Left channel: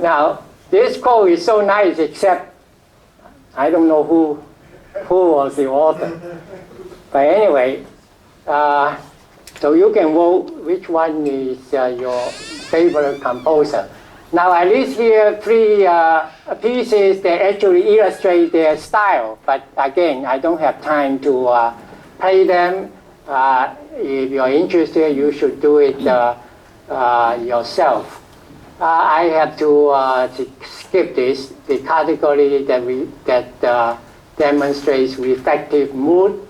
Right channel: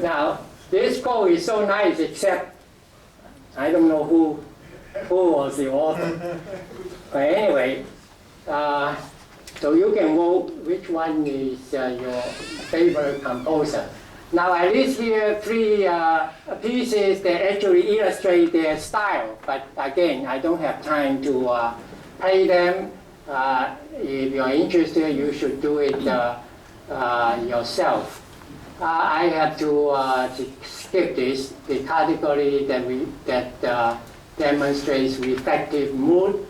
Now, this quote is so nice, except I don't know who was the author. But anyway, so you can vote which one is your favorite composer. Now I list here three pieces that actually illustrate their style, but again, I don't have time to play them. If you're interested, you should do it yourself. I have to skip this, the category that demonstrates reflective mood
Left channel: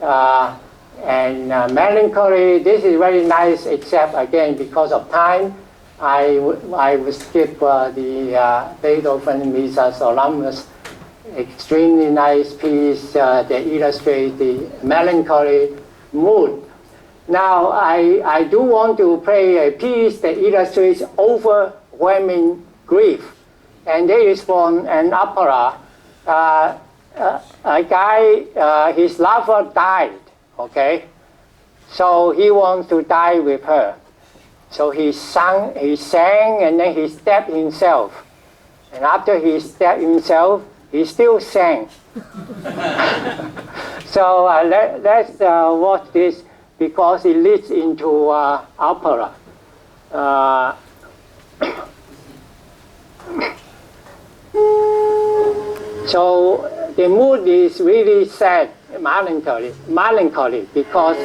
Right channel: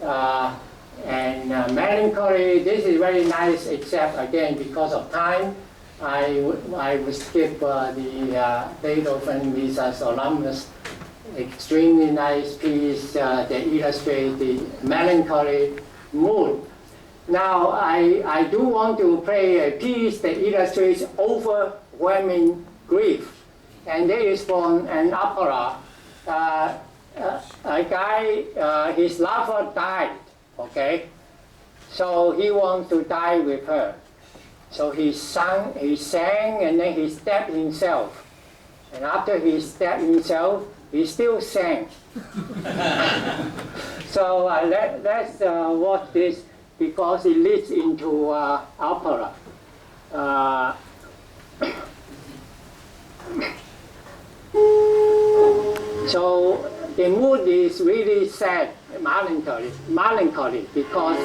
and melancholy. This is very nice, except again, because of time, I will skip the Beethoven Missa Solemnis, extremely nice piece that illustrates the melancholy mood. Now, I do want to play a piece that illustrates overwhelming grief, and it is from an opera. A guy, his lover died, okay? So he wants to die with her. So he sang, and then he stabbed himself. And after he stabbed himself, he still sang. So let's watch this, because it leads into opera. So the mood is really sad, melancholy, because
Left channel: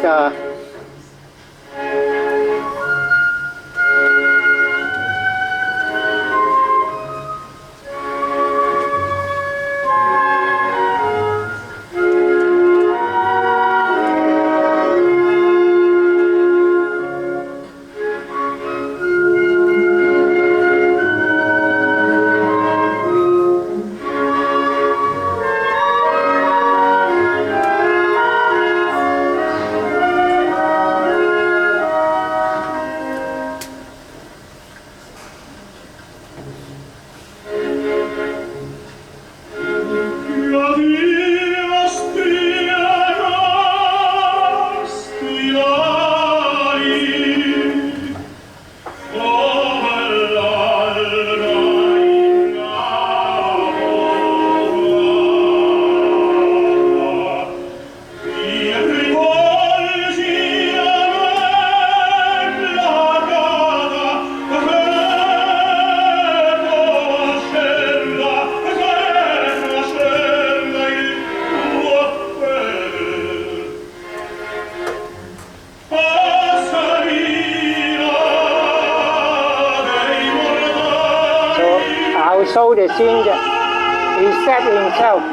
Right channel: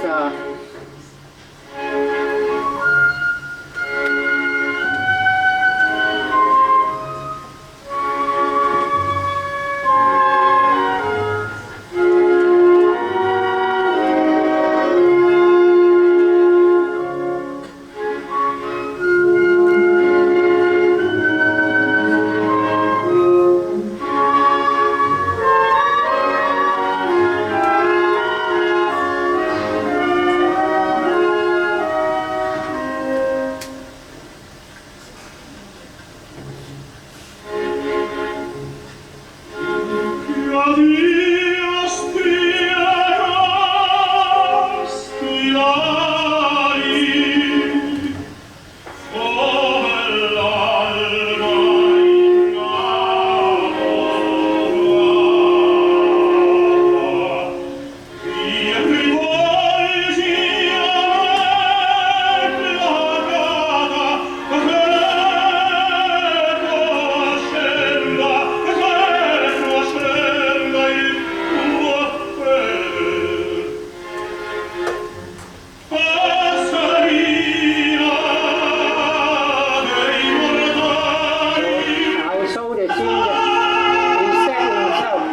the scene that he said himself.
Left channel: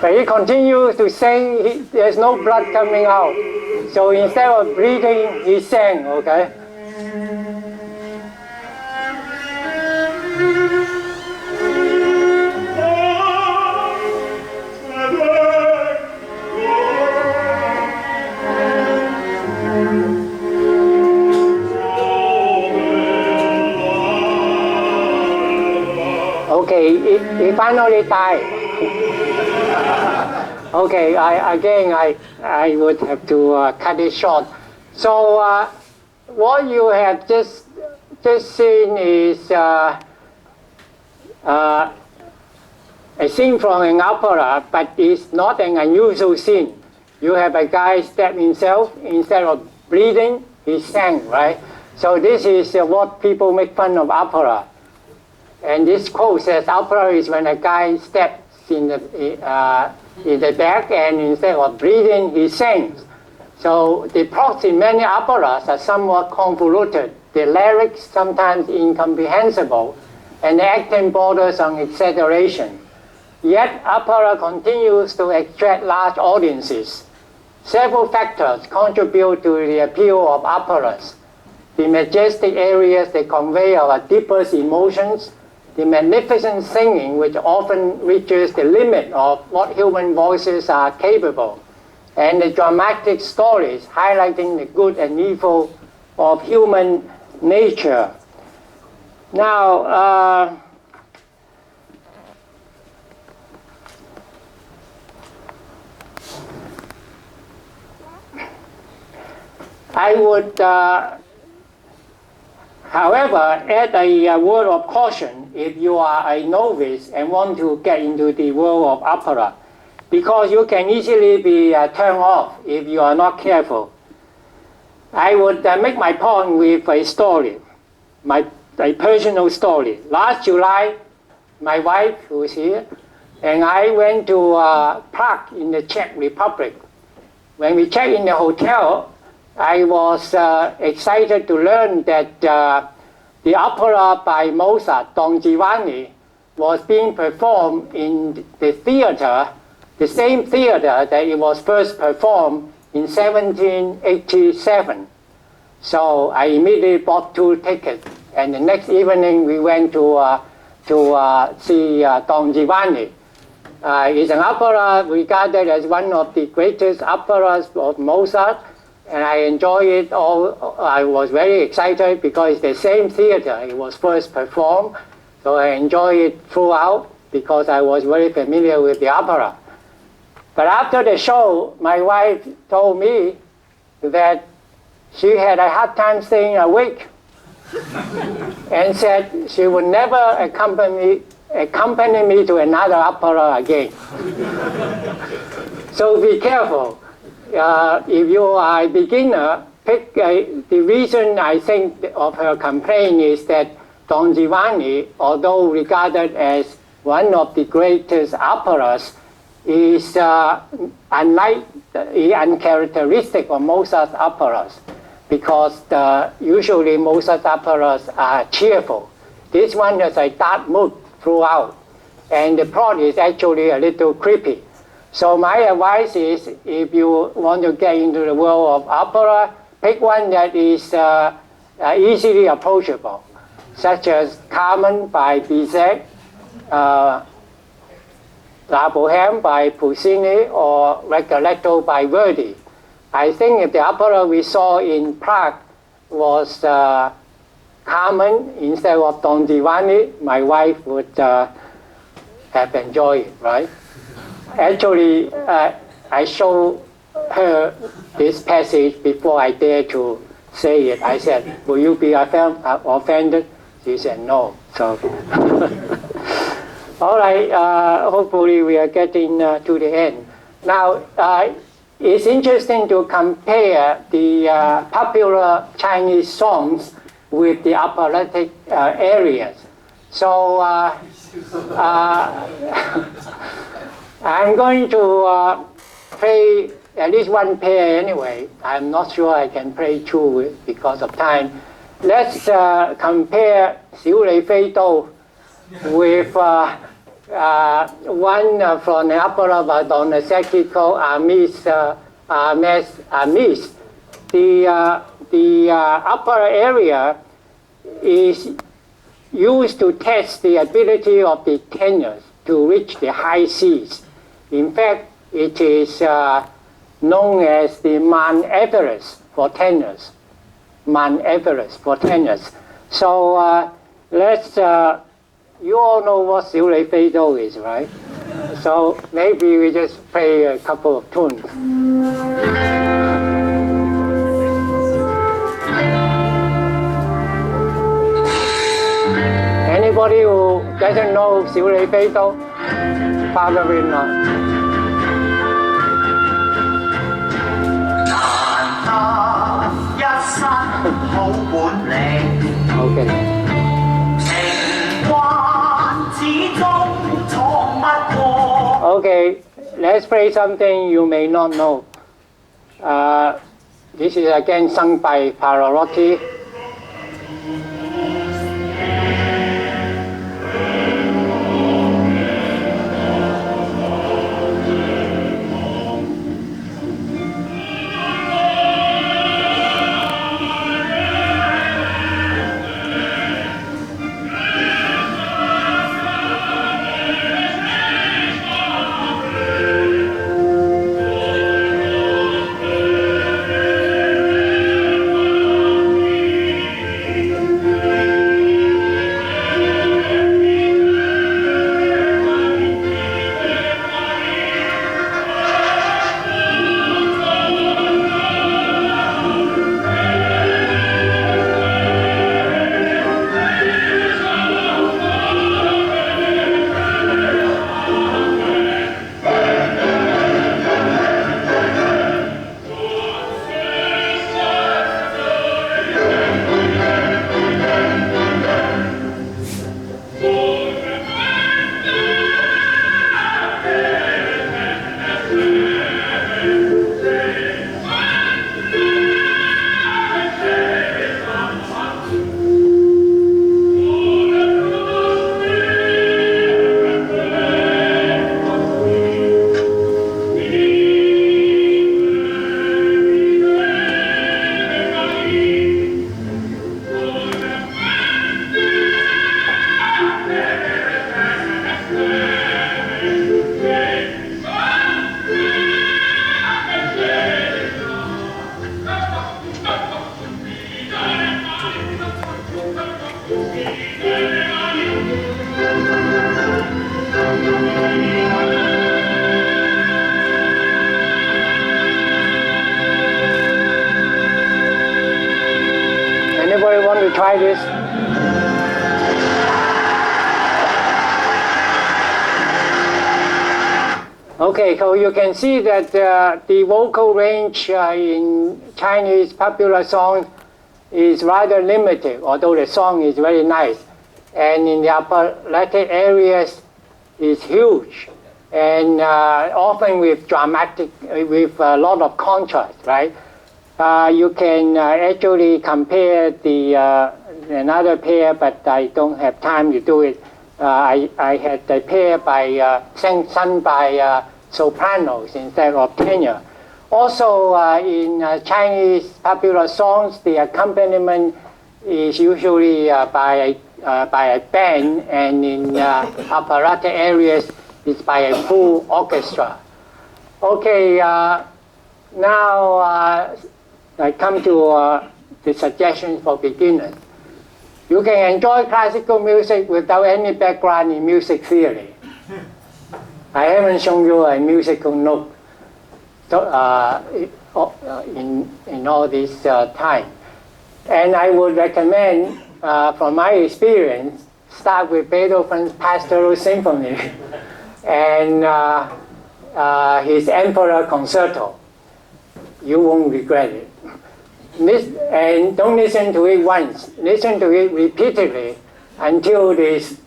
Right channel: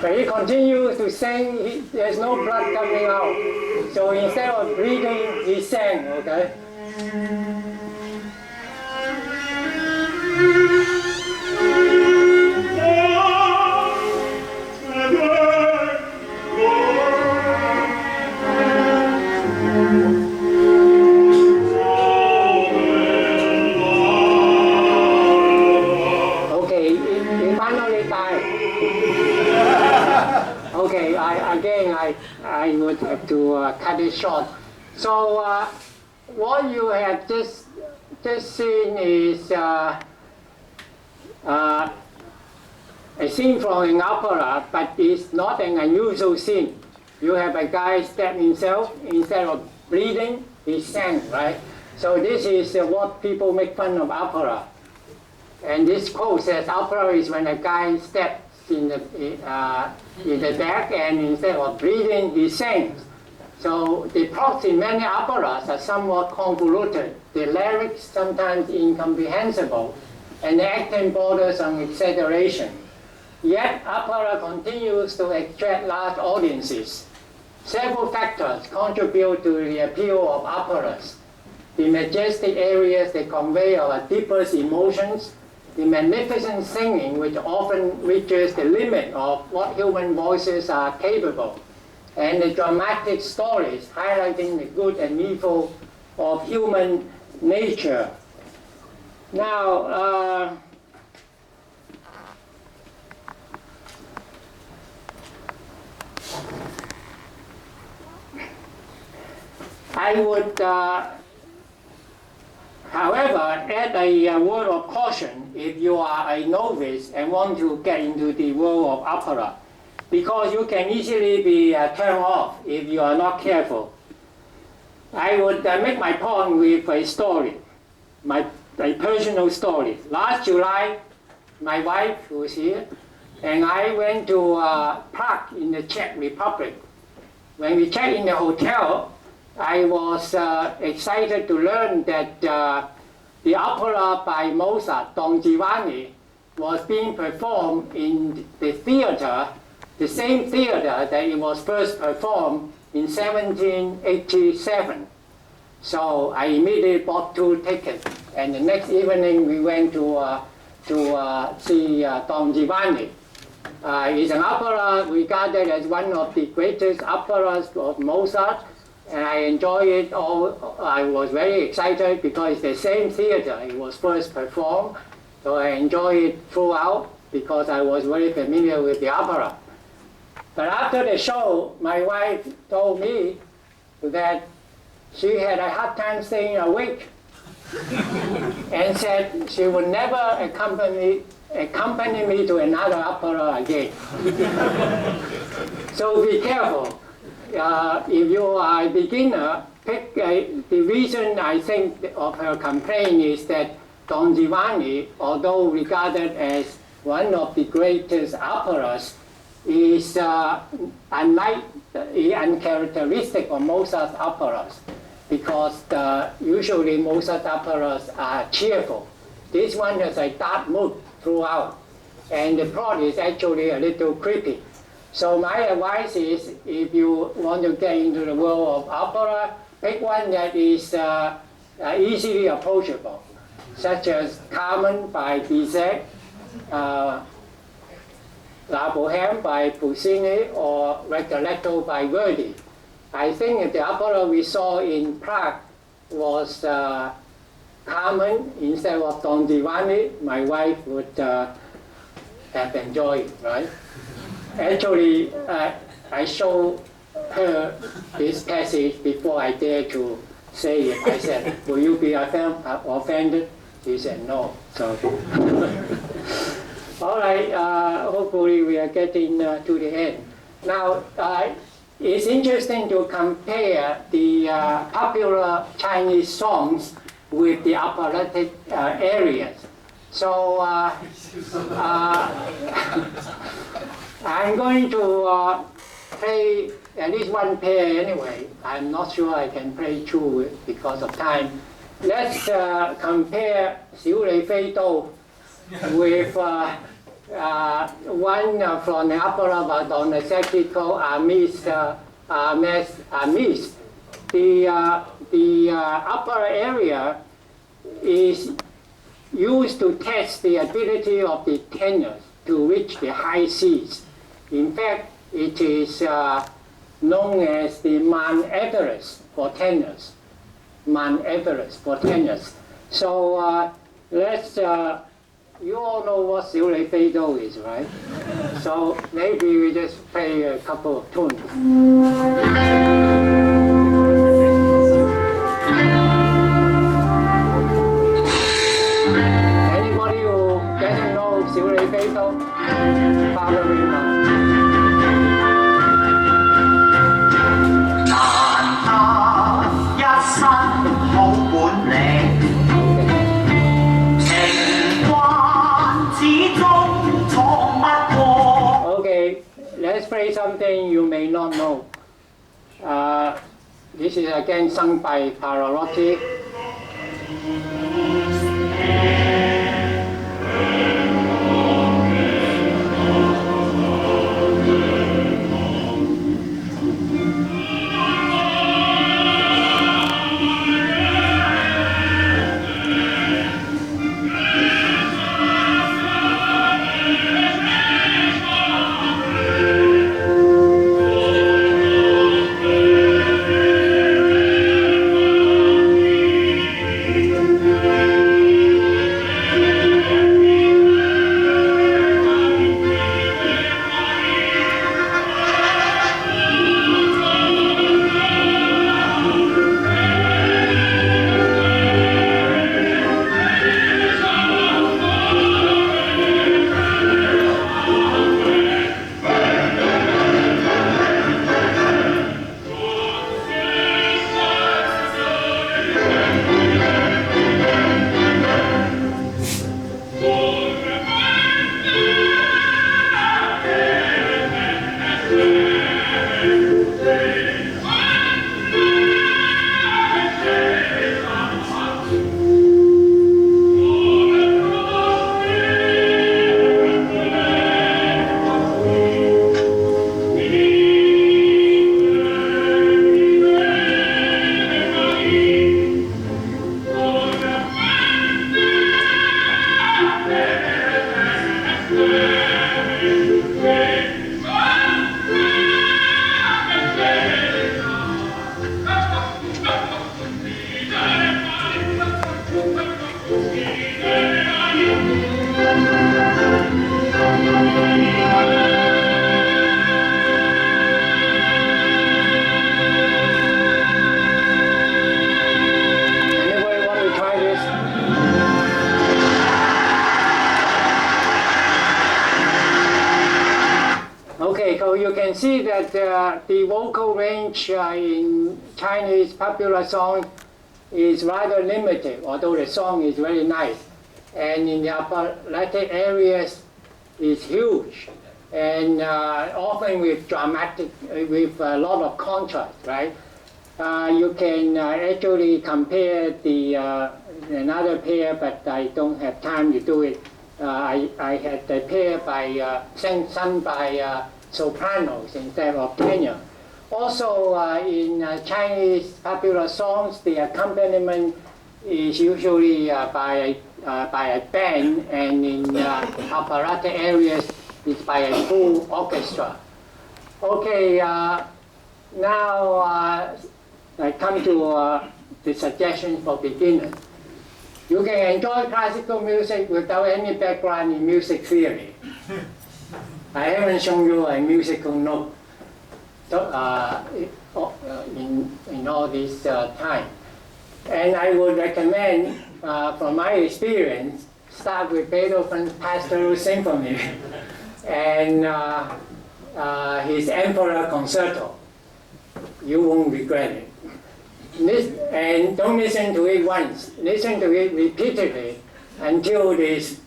But he continues to sing, there's no blood coming out. So instead of breathing, he sang, okay? He finally died. Okay, I would have to cut it short. So what you have just seen is a scene from an opera, but it's not an unusual scene. You have a guy stab himself, instead of bleeding, he sang, right? So this is what people make fun of opera. And this quote says, opera is when a guy steps in the back, and instead of breathing, he sings. So the plots in many operas are somewhat convoluted. The lyrics sometimes incomprehensible, and the acting borders on exaggeration. Yet opera continues to attract large audiences. Several factors contribute to the appeal of operas. The majestic areas that convey our deepest emotions, the magnificent singing, which often reaches the limit of what human voices are capable, and the dramatic stories highlighting the good and evil of human nature. Now, I would, however, add a word of caution if you are a novice and want to get into the world of opera, because you can easily be turned off if you are not careful. I would make my point with a story, a personal story. Last July, my wife, who is here, and I went to Prague in the Czech Republic. When we checked in the hotel, I was excited to learn that the opera by Mozart, Don Giovanni, was being performed in the theater, the same theater that it was first performed in 1787. So I immediately bought 2 tickets, and the next evening we went to see Don Giovanni. It's an opera regarded as one of the greatest operas of Mozart, and I enjoyed it all. I was very excited because it's the same theater it was first performed, so I enjoyed it throughout because I was very familiar with the opera. But after the show, my wife told me that she had a hard time staying awake and said she would never accompany me to another opera again. So be careful. If you are a beginner, the reason I think of her complaint is that Don Giovanni, although regarded as one of the greatest operas, is uncharacteristic of Mozart's operas, because usually Mozart's operas are cheerful. This one has a dark mood throughout, and the plot is actually a little creepy. So my advice is, if you want to get into the world of opera, pick one that is easily approachable, such as Carmen by Bizet, La Bohème by Puccini, or Rigoletto by Verdi. I think if the opera we saw in Prague was Carmen instead of Don Giovanni, my wife would have enjoyed it, right? Actually, I showed her this passage before I dared to say it. I said, will you be offended? She said no. So, all right, hopefully we are getting to the end. Now, it's interesting to compare the popular Chinese songs with the operatic areas. So I'm going to play at least one pair anyway. I'm not sure I can play 2 because of time. Let's compare 小李飛刀 with one from the opera by Donizetti called Amis. The upper area is used to test the ability of the tenors to reach the high Cs. In fact, it is known as the Mount Everest for tenors. Mount Everest for tenors. So let's, you all know what 小李飛刀 is, right? So maybe we just play a couple of tunes. Anybody who doesn't know 小李飛刀? Father will know. 難得一身好本領。Okay. 情關始終闖不過。Okay, let's play something you may not know. This is again sung by Pavarotti. Okay, so you can see that the vocal range in Chinese popular song is rather limited, although the song is very nice. And in the operatic areas is huge, and often with dramatic, with a lot of contrast, right? You can actually compare the another pair, but I don't have time to do it. I had the pair by sung by sopranos instead of tenor. Also, in Chinese popular songs, the accompaniment is usually by a band, and in operatic areas, it's by a full orchestra. Okay, now I come to the suggestions for beginners. You can enjoy classical music without any background in music theory. I haven't shown you a musical note in all this time. And I would recommend, from my experience, start with Beethoven's Pastoral Symphony and his Emperor Concerto. You won't regret it. And don't listen to it once. Listen to it repeatedly until this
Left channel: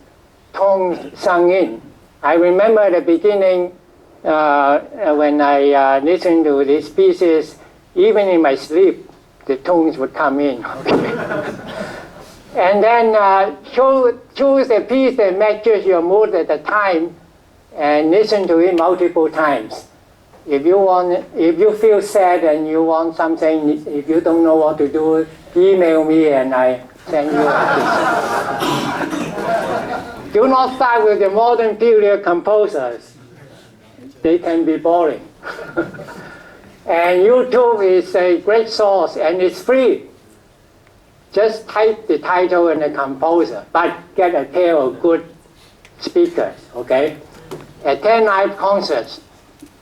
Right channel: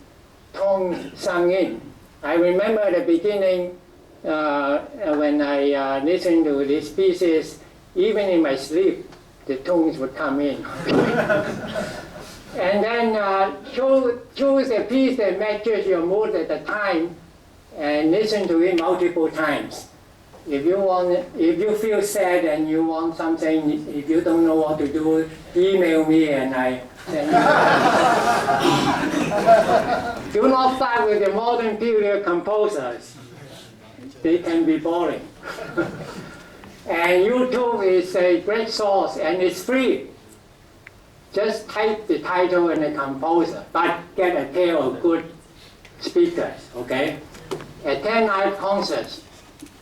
tone sunk in. I remember at the beginning when I listened to these pieces, even in my sleep, the tones would come in. And then choose a piece that matches your mood at the time and listen to it multiple times. If you feel sad and you want something, if you don't know what to do, email me and I send you. Do not start with the modern period composers. They can be boring. And YouTube is a great source and it's free. Just type the title and the composer, but get a pair of good speakers, okay? Attend live concerts.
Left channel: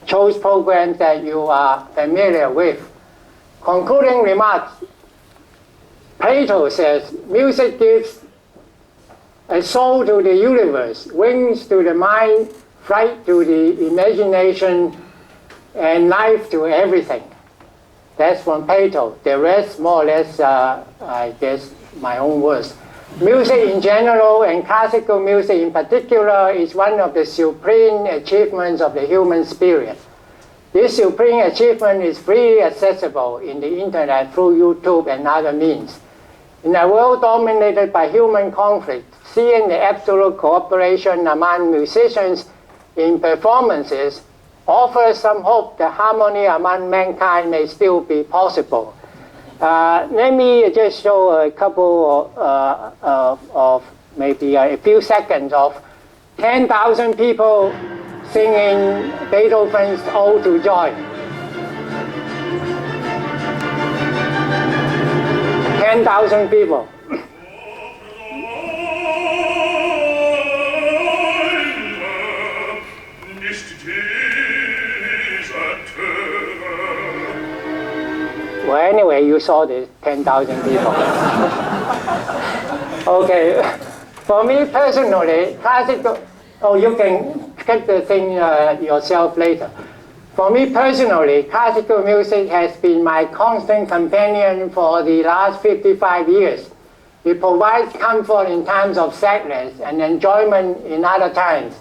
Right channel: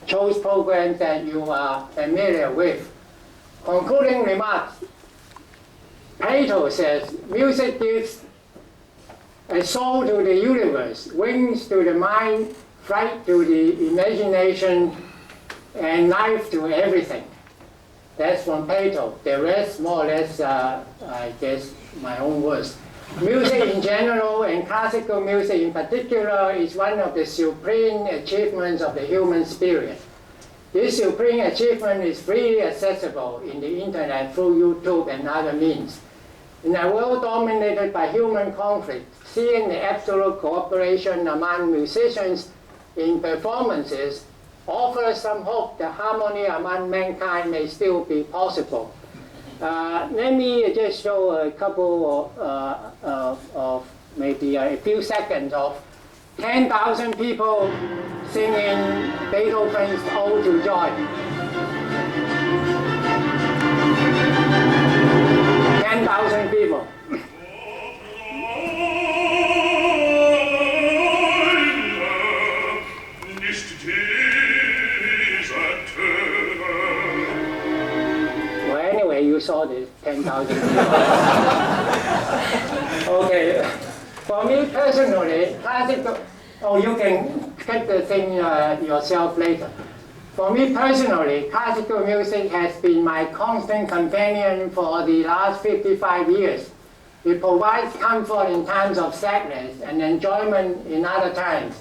Choose programs that you are familiar with. Concluding remarks. Plato says, music gives a soul to the universe, wings to the mind, flight to the imagination, and life to everything. That's from Plato. The rest, more or less, I guess, my own words. Music in general and classical music in particular is one of the supreme achievements of the human spirit. This supreme achievement is freely accessible in the internet through YouTube and other means. In a world dominated by human conflict, seeing the absolute cooperation among musicians in performances offers some hope that harmony among mankind may still be possible. Let me just show a couple of maybe a few seconds of 10,000 people singing Beethoven's Ode to Joy. 10,000 people. Well, anyway, you saw the 10,000 people. Okay, for me personally, classical, you can get the thing yourself later. For me personally, classical music has been my constant companion for the last 55 years. It provides comfort in times of sadness and enjoyment in other times.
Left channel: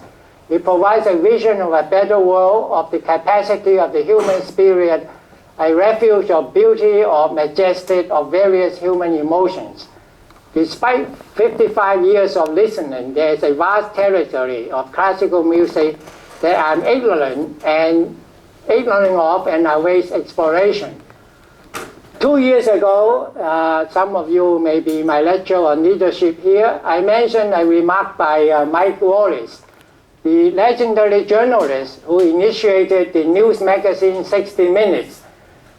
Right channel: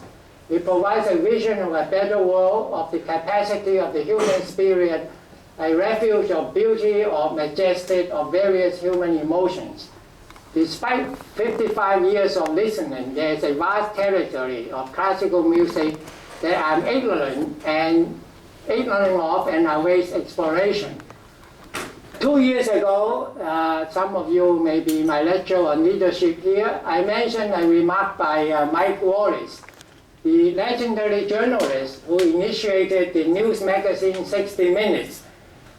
It provides a vision of a better world, of the capacity of the human spirit, a refuge of beauty or majestic of various human emotions. Despite 55 years of listening, there is a vast territory of classical music that I'm ignorant of and awaits exploration. 2 years ago, some of you may be in my lecture on leadership here, I mentioned a remark by Mike Wallace, the legendary journalist who initiated the news magazine 60 Minutes.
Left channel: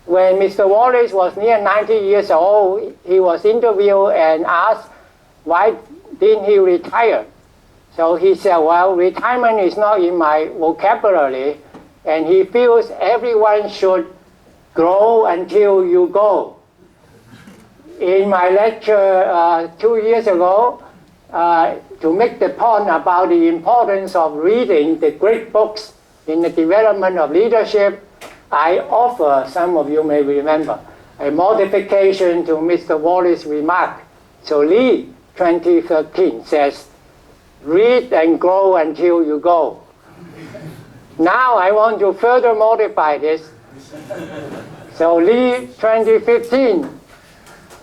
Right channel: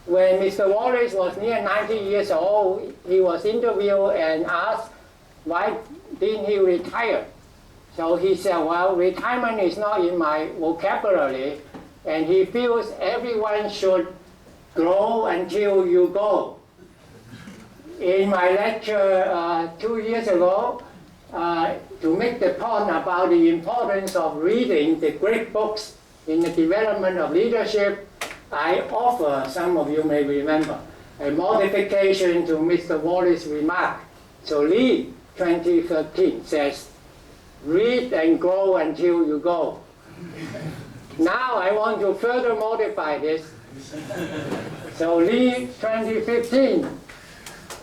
When Mr. Wallace was near 90 years old, he was interviewed and asked, why didn't he retire? So he said, well, retirement is not in my vocabulary, and he feels everyone should grow until you go. In my lecture 2 years ago, to make the point about the importance of reading the great books in the development of leadership, I offer, some of you may remember, a modification to Mr. Wallace's remark. So Lee 2013 says, read and grow until you go. Now I want to further modify this. So Lee 2015,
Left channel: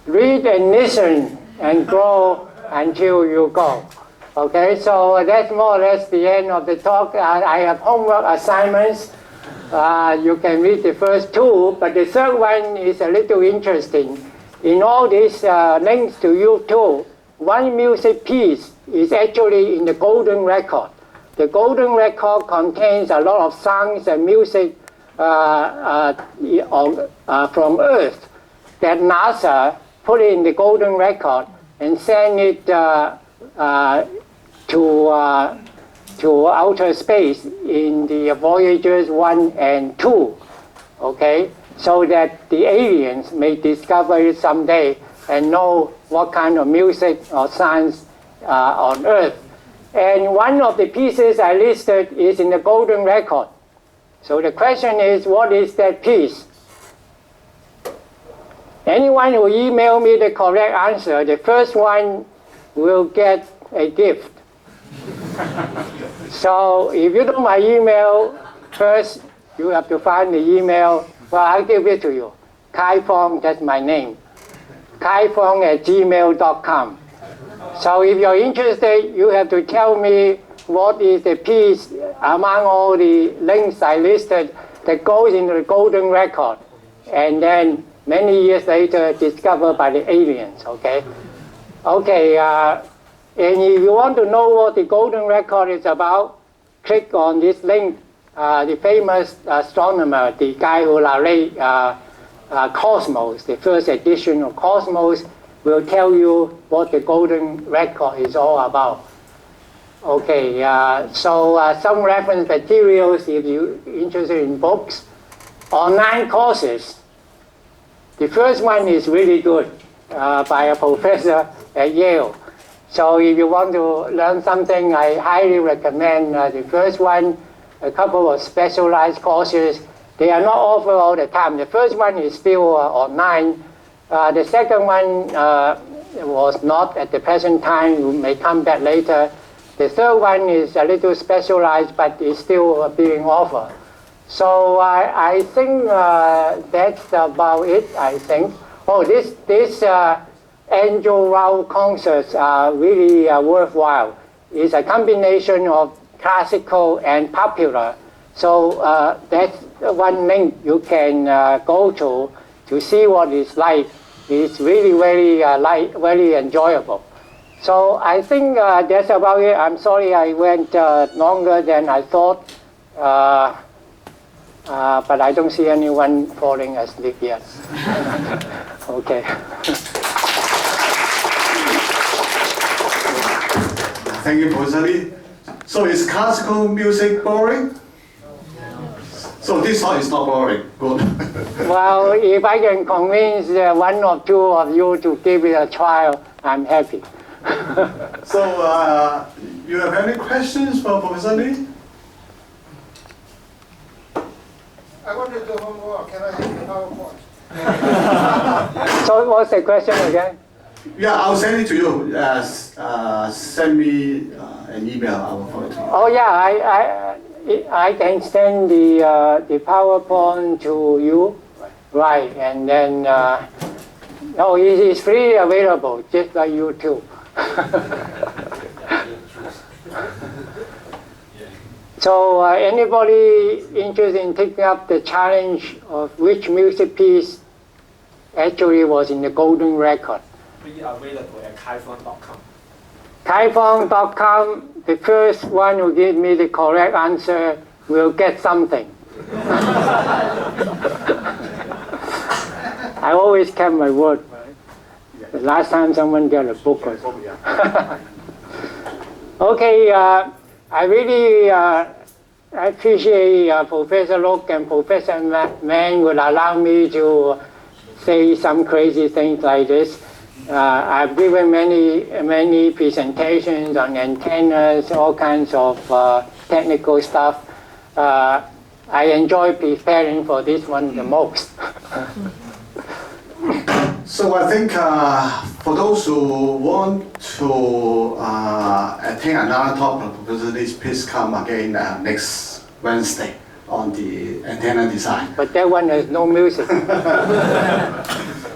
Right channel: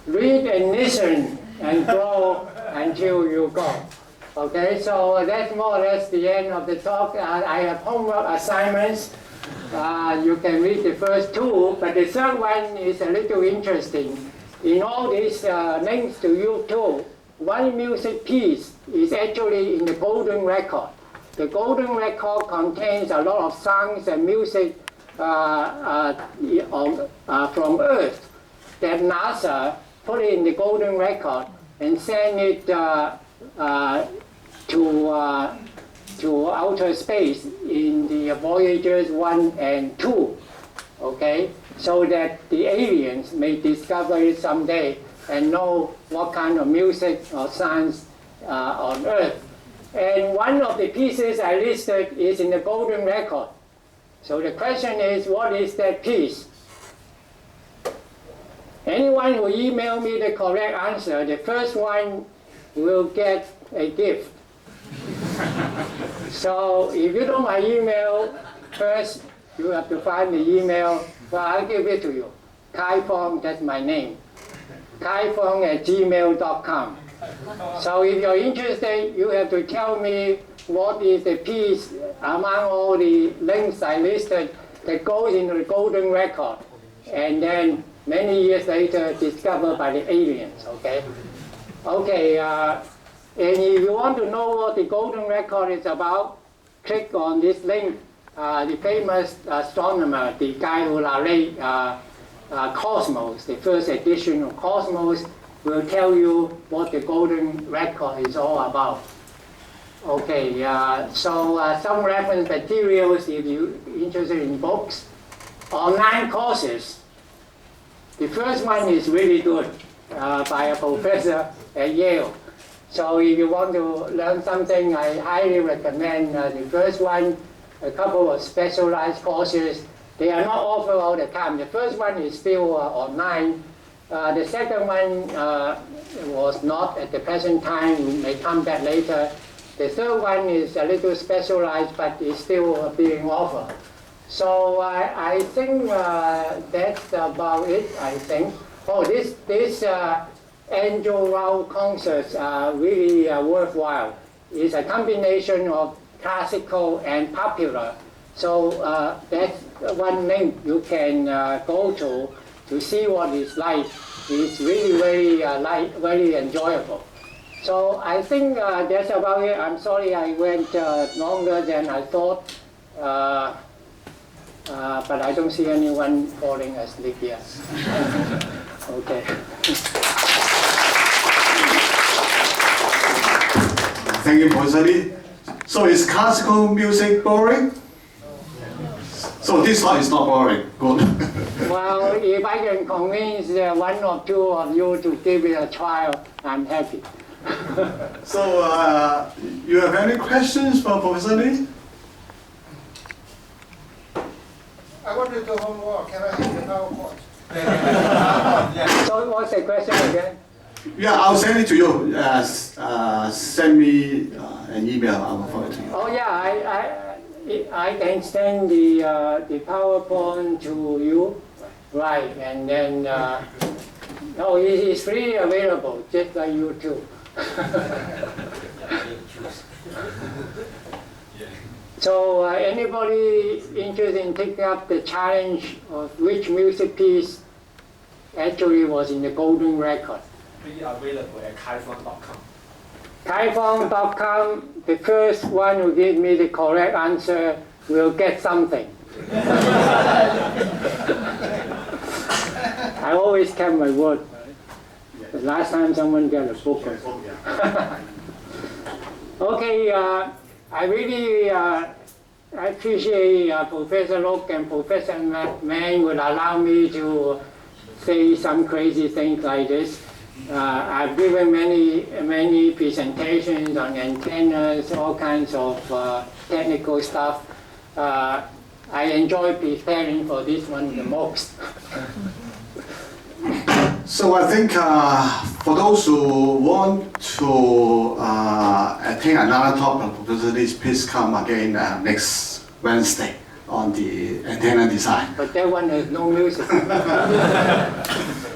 read and listen and grow until you go. Okay, so that's more or less the end of the talk. I have homework assignments. You can read the first two, but the third one is a little interesting. In all these links to YouTube, one music piece is actually in the golden record. The golden record contains a lot of songs and music from Earth that NASA put in the golden record and sent it to outer space in the Voyagers 1 and 2, okay? So that the aliens may discover it someday and know what kind of music or science on Earth. And one of the pieces I listed is in the golden record. So the question is, what is that piece? Anyone who email me the correct answer, the first one will get a gift. So if you know my email, first you have to find the email. Well, I'll give it to you. Kai Fong, that's my name. kaifong@gmail.com. So if you're interested, you have to tell me what is the piece among all the links I listed that goes into the golden record, and then many years later discovered by the aliens, okay? Okay, and if you want to know what the golden record is about, click on this link. The famous astronomer, the guy who narrated Cosmos, the first edition of Cosmos, will tell you what the golden record is all about. Okay, so some reference materials if you're interested in books. Online courses. The first one is really good by a professor at Yale. So if you want to learn something, I highly recommend the first one, a couple of specialized courses. They are not offered all the time. The first one is still online. The second one was not at the present time. You may come back later. The third one is a little specialized, but is still being offered. So I think that's about it, I think. Oh, this Angel Rao concerts are really worthwhile. It's a combination of classical and popular. So that's one link you can go to see what it's like. It's really very enjoyable. So I think that's about it. I'm sorry I went longer than I thought, but I don't see anyone falling asleep yet. Okay. Thank you, Professor Lee. So is classical music boring? So this one is not boring. Good. Well, if I can convince one or two of you to give it a try, I'm happy. So you have any questions for Professor Lee? I want to do homework. Can I have the PowerPoint? So what's the question again? Yeah, I'll send it to you. Send me an email. I will forward it to you. Oh yeah, I can send the PowerPoint to you, right? And then no, it is freely available, just like YouTube. So anybody interested in taking up the challenge of which music piece actually was in the golden record? Be available at kaifong.com. Kaifong.com, the first one who gives me the correct answer will get something. I always kept my word. The last time someone got a book or something. Okay, I really appreciate Professor Look and Professor Mann would allow me to say some crazy things like this. I've given many presentations on antennas, all kinds of technical stuff. I enjoy preparing for this one the most. So I think for those who want to attend another talk on publicity, please come again next Wednesday on the antenna design. But that one has no music.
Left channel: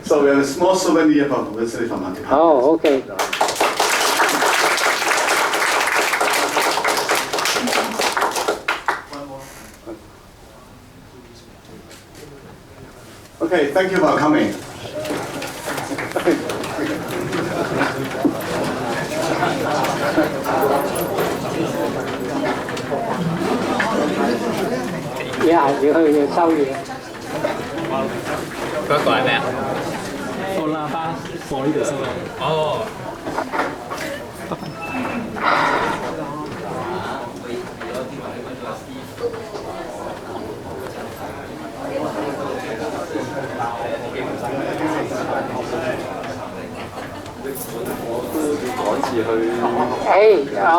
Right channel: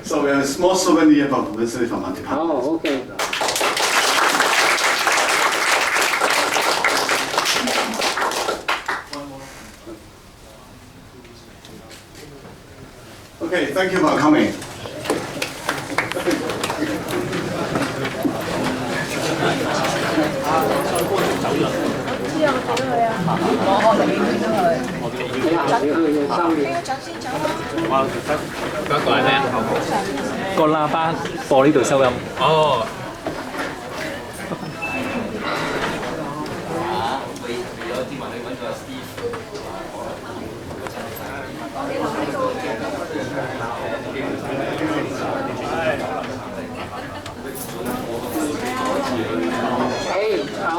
So we have a small souvenir about publicity from our department. Oh, okay. Okay, thank you for coming. Đi học thì hơi sau gì? 嗰個係咩啊？個喇叭播呢度收音。哦。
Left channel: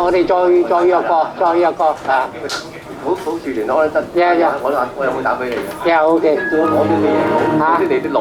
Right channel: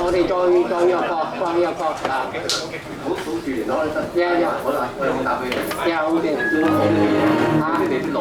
我哋再約個啊！好住聯絡得。我有冇打俾你？有嘅。嚇？你啲內